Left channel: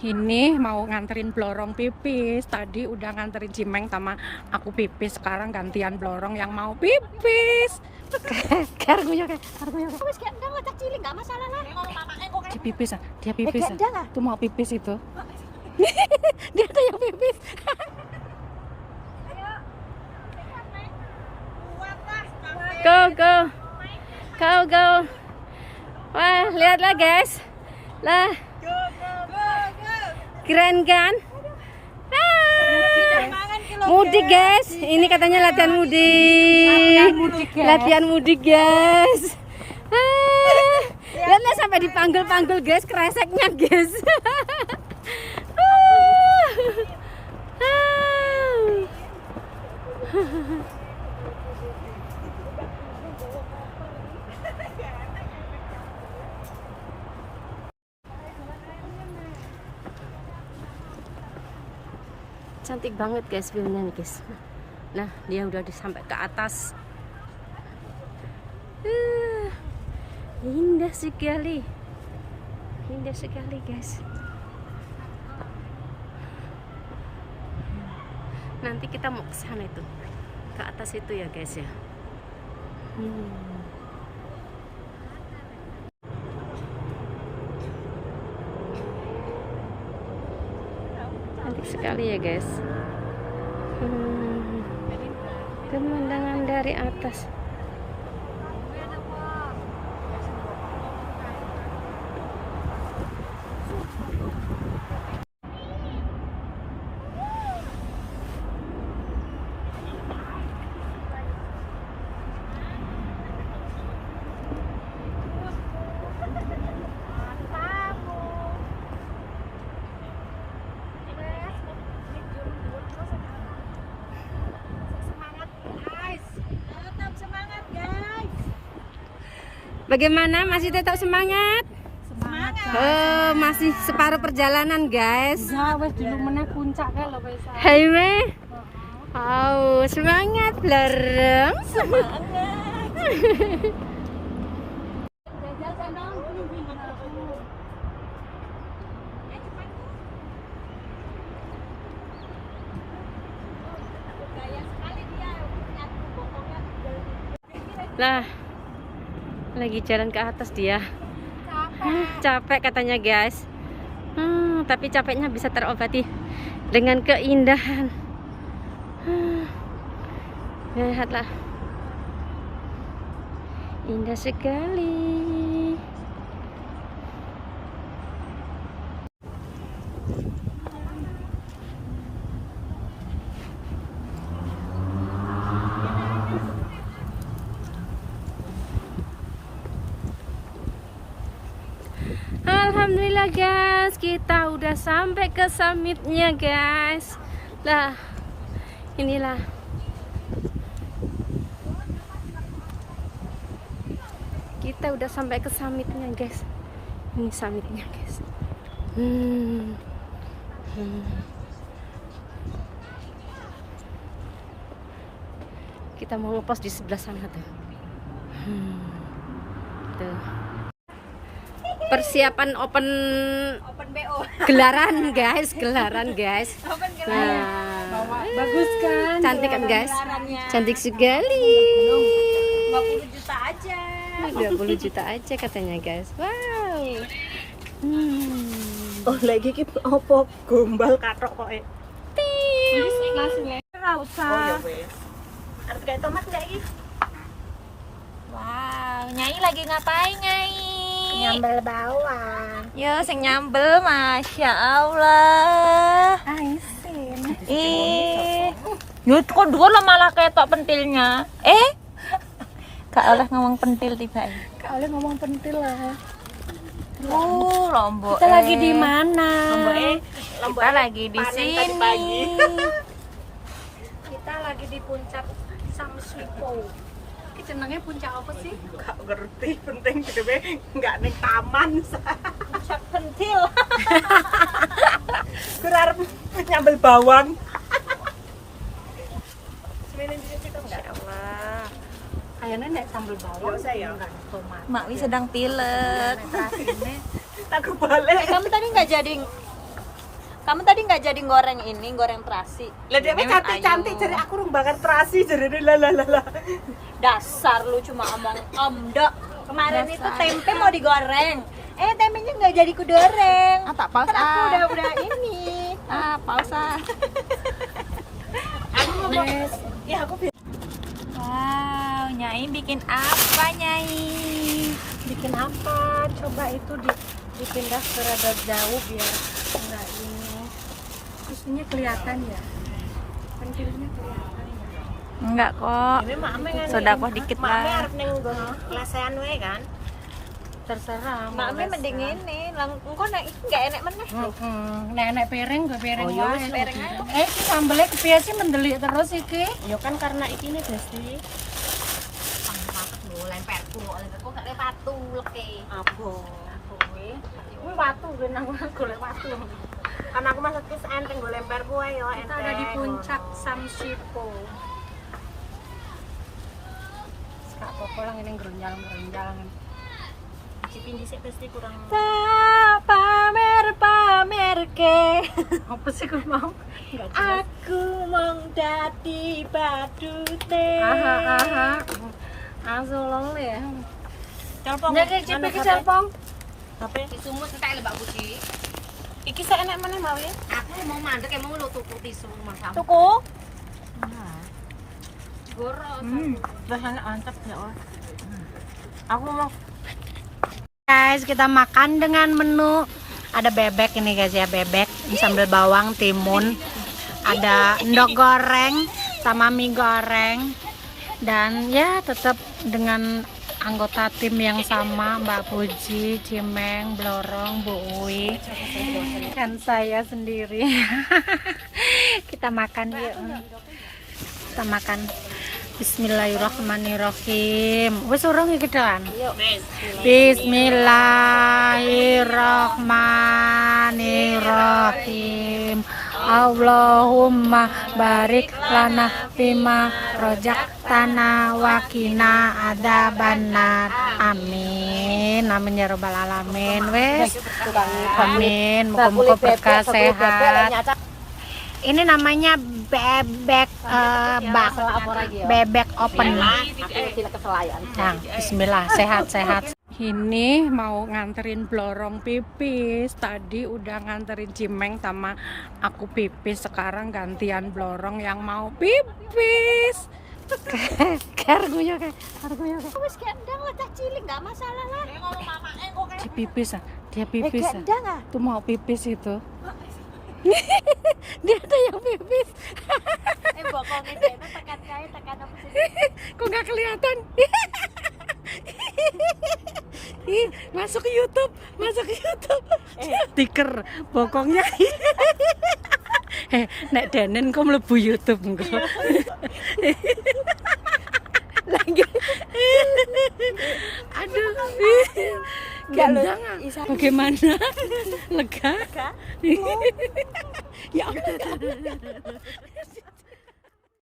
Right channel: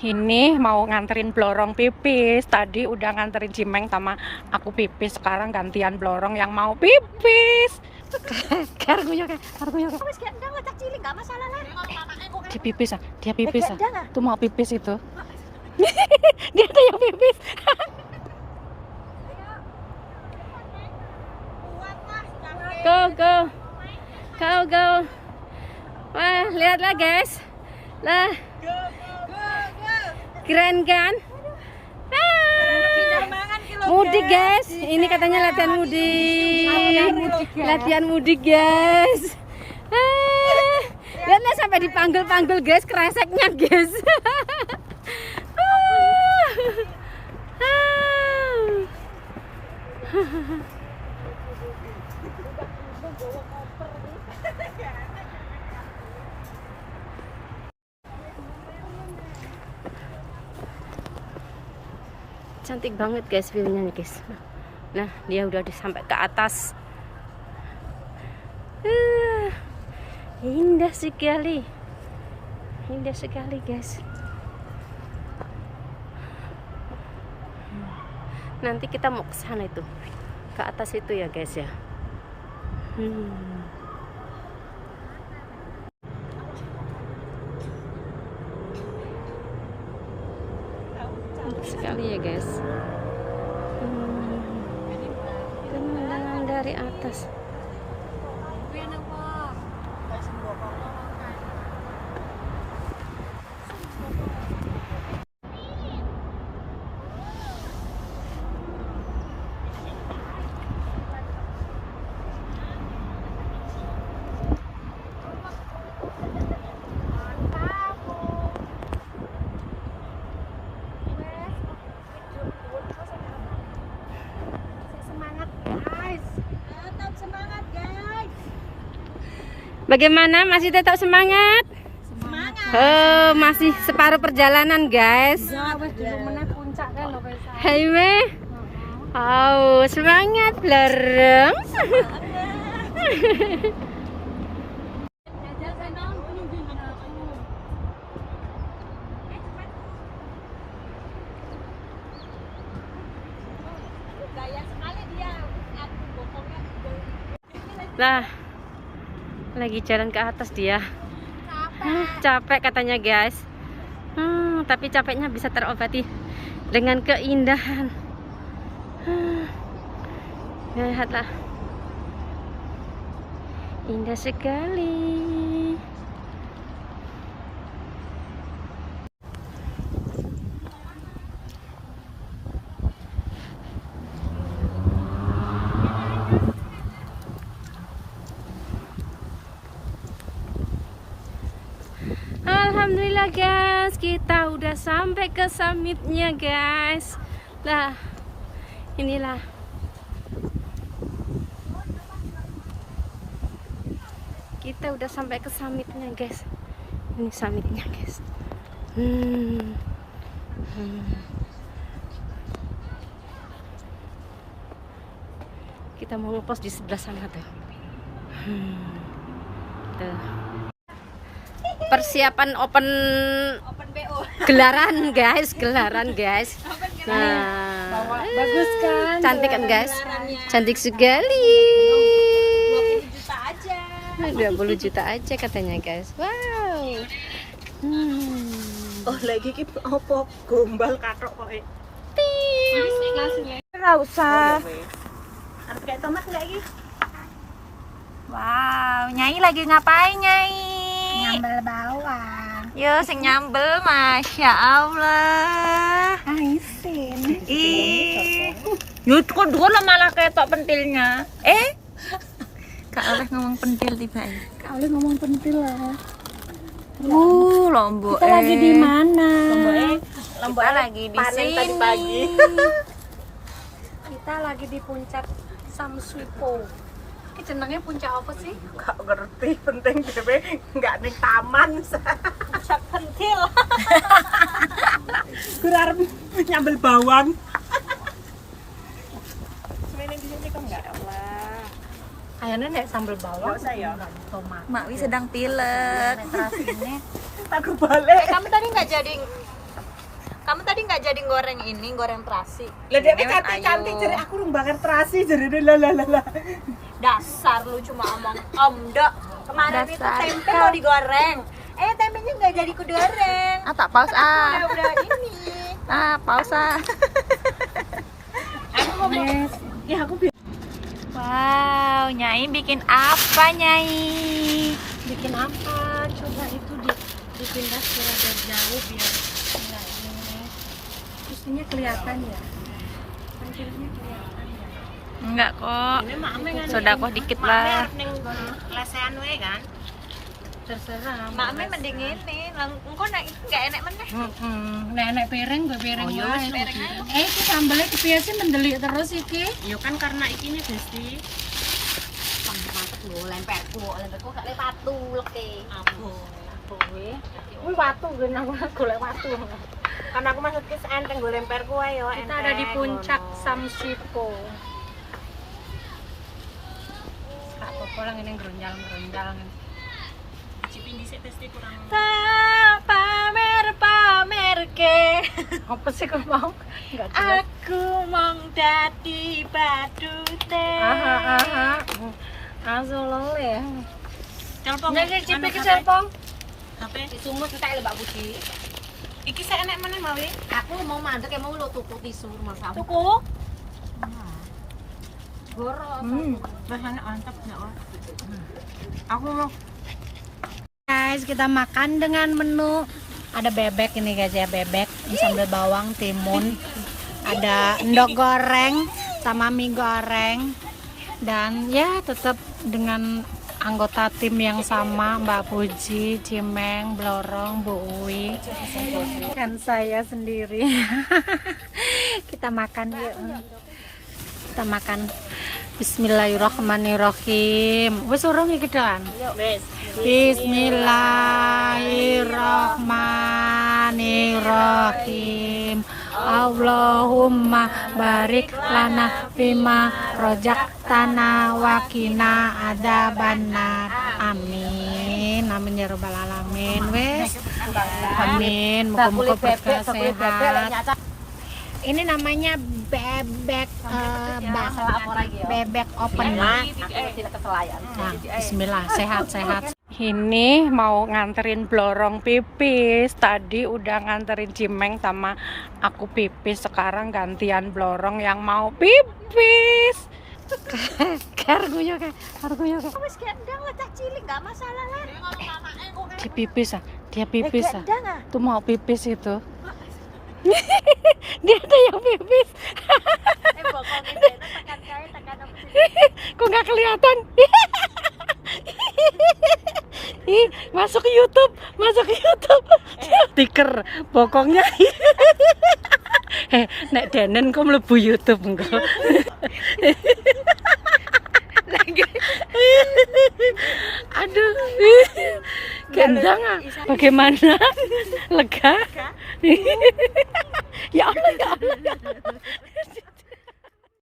Ini mau nganterin Blorong pipis. Tadi udah nganterin Cimeng sama aku pipis. Sekarang gantian Blorong yang mau pipis. Kargunya kayak. Dia pipis ah, dia pipis ah. Tuh mau pipis itu. Dia tuh yang pipis. Go go. Go. Wah, lihatlah guys. Lah. Keren kan? Mudik guys, ini katanya latihan mudik. Latihan mudik guys. Lihatlah sampai dipanggil-panggil guys, kreseknya guys. Cantik banget guys view-nya nih guys. Nah, dia udah sampai ke atas. Indah sekali. Indah sekali guys. Nanti kita mau ke sana itu. Ke atas itu ya guys ya. Cantik sekali ya guys. Pemandangan dari atas. Bagaimana? Masih tetap semangat? Semangat. Oh, masih separuh perjalanan, guys. Hai, Me. Oh, semangat, Blorong. Lah. Lagi jalan ke atas dia. Capek katanya guys. Tapi capeknya bisa terobati dengan keindahan. Lihatlah, indah sekali. Alhamdulillah guys, kita udah sampai ke summitnya guys. Lah, inilah. Kita udah sampai ke summitnya guys. Ini summitnya guys. Kita mau ngepost di sebelah sana tuh. Tuh. Persiapan open BO. Gelaran guys. Nah, bagus kan? Cantik kan guys? Cantik sekali. 20 juta aja. 20 juta aja katanya guys. Wow. Oh, lagi ki opo gombal katok koke. Ora usah. Arep kayak tomat enggak iki? Wow, Nyai lagi ngapain, Nyai? Nyambel bawang. Yo, sing nyambel, Masya Allah. Aisin. Yo, kok dua lo malah ketok pentilnya. Kak oleh ngomong pentil tiba. Kak oleh ngomong pentil lah. Lombok. Kita lagi di mana? Lombok lagi di sini. Kita lagi di puncak Samswipo. Jenenge puncak apa sih? Gak ngerti, penting dhewe enggak ning taman. Puncak pentil. Gerarep nyambel bawang. Semene di situ enggak? Insyaallah. Ayane nek sambel bawang. Enggak usah ya. Tomat. Makwi sedang pilek. Tak kebalik. Kamu tadi enggak jadi Kamu tadi nggak jadi goreng ini, goreng terasi. Lah dia Ini kan cantik-cantik ayu. jadi aku rung bakar terasi jadi lah. Dasar lu cuma omong omdok. Kemarin Dasar. itu tempe mau digoreng. Tempenya nggak jadi kudoreng. Ah, tak paus Kan aku ah. udah ini. Ah, paus ah. Yes. Ya aku Wow, Nyai bikin apa Nyai? bikin apa? Coba itu dipindah ke rada jauh biar enggak ini. Isunya kelihatan ya. Pentilnya kelihatan ya. Enggak kok. Sodakoh dikit lah. Lesehan we kan. Terserah. Mami mending ini, langsung kok enggak enak meneh. Nenek piring gue piring wae. Piring aja. Iki sambelnya kepiye sih mendelik terus iki? Ya kan karena iki nih Besti. Lemperku gak lepatu leke. Aku kuwi. Kuwi watu gue nang golek watu. Kan aku maksudku enteng gue lempar kuwe yo. Kita ada di puncak Samsipo. Kak apa lang ini geronjal-geronjal. Cipin dhisik Besti kurang. Tak pamer ke. Apa sih kau mau? Enggak Aku mong dadi badute. Langsung lole. Telepon. Nek cipe ke telepon. Apa? Disumut entek Mbak Puji. Iki saya enek meneh mau ya. Aku mau mandek emang lu tuku tisu mau kamu. Tuku. Gorok. Bahan mantap ya, Oh. Aku mau Guys, kita makan dengan menu ada bebek ini guys ya, bebek sambal bawang, timun, ada endok goreng sama mie goreng, dan ya tetap dengan anggota tim yang sama, Mbak Puji, Cimeng, Blorong, Bu Uwi, dan saya sendiri. Kita makan yuk. Kita makan. Bismillahirrahmanirrahim. Wes urung iki kan? Bismillahirrahmanirrahim. Allahumma barik lana bima rojaktana wakina adzabannar. Amin. Amin ya rabbal alamin. Wes. Amin. Muga-muga berkah sehat. Ini namanya bebek bebek open. Nah, bismillah, sehat-sehat. Ini mau nganterin Blorong pipis. Tadi udah nganterin Cimeng sama aku pipis. Sekarang gantian Blorong yang mau pipis. Kargunya kayak. Wis gendang lah cah cilik enggak masalah lah. Dia ngomong mamake kok kayak Dia pipis ah. Dia pipis ah. Tuh mau pipis itu. Dia ada yang pipis. Kok nggak kelihatan? Ih, masuk ke YouTube. Stiker bokongnya. Nek Denen kok mlebu YouTube engko. Aduh, gendang ah. Bagaimana? Lega? Ya Allah, ya Allah.